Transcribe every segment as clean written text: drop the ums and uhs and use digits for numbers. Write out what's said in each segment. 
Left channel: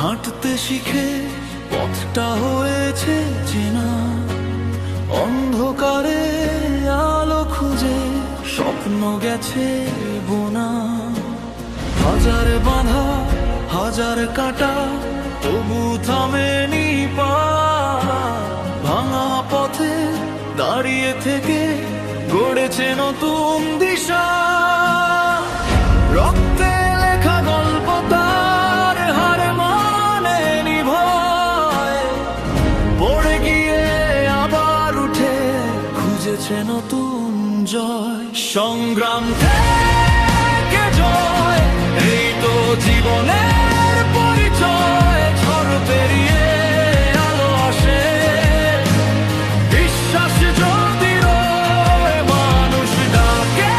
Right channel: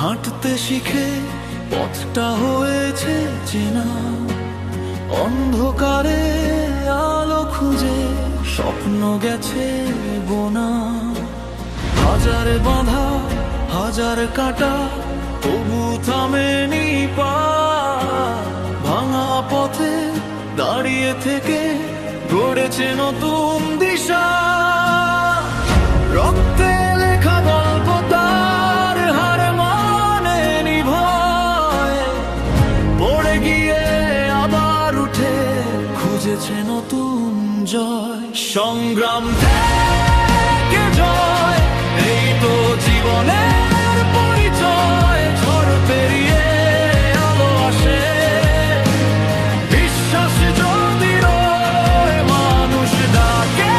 হাঁটতে শিখে পথটা হয়েছে চেনা, অন্ধকারে আলো খুঁজে স্বপ্ন গেছে বোনা। হাজার বাঁধা হাজার কাঁটা তবু থামেনি পা, ভাঙা পথে দাঁড়িয়ে থেকে গড়েছে নতুন দিশা। রক্তে লেখা গল্প তার হার মানেনি ভয়, পড়ে গিয়ে আবার উঠে খুঁজেছে নতুন জয়। সংগ্রাম থেকে জয়, এই তো জীবনের পরিচয়। ঝড় পেরিয়ে আলো আসে, বিশ্বাস যদি রয়, মানুষ ডাকে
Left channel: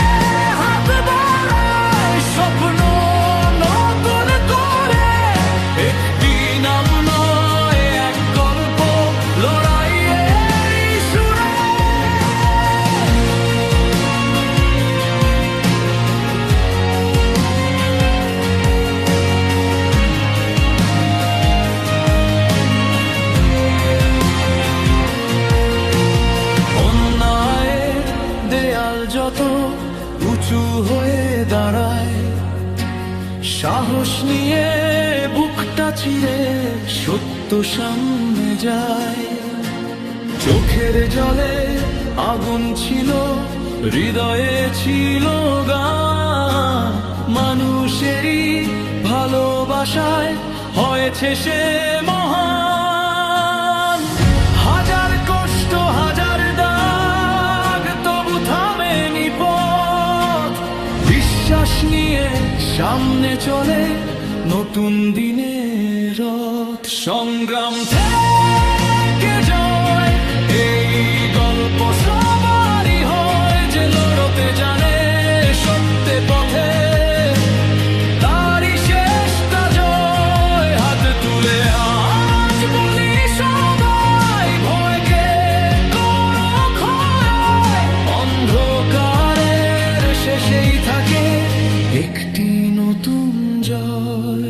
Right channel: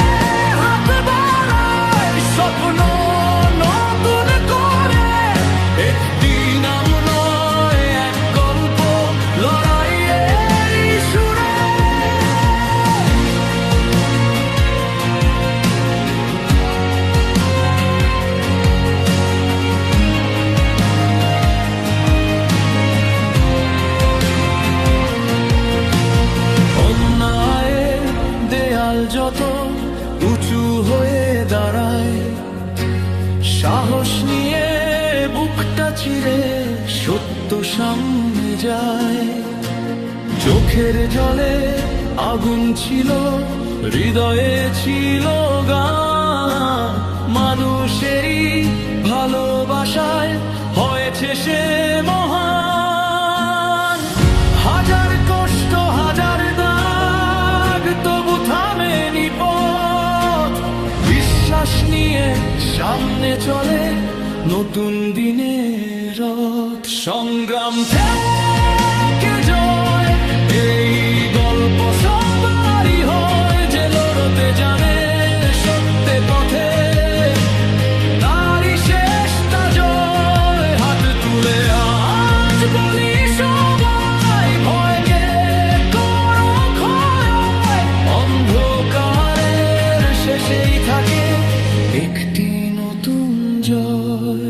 হাত বাড়ায়, স্বপ্ন নতুন করে। একটি নাম নয়, এক গল্প, লড়াইয়ের সুরে। অন্যায়ের দেয়াল যত উঁচু হয়ে দাঁড়ায়, সাহস নিয়ে বুকটা চিরে সত্য সামনে যায়। চোখের জলে আগুন ছিল, হৃদয়ে ছিল গান, মানুষেরই ভালোবাসায় হয়েছে সে মহান। হাজার কষ্ট হাজার দাগ তবু থামেনি পথ, বিশ্বাস নিয়ে সামনে চলে নতুন দিনের রথ। সংগ্রাম থেকে জয়, এই গল্প সবারই হয়, যে লড়তে জানে সত্যে পথে, তারই শেষটা জয়। হাত তুলে আজ বলি সবাই, ভয়কে করো ক্ষয়, অন্ধকারের শেষেই থাকে একটি নতুন জয়।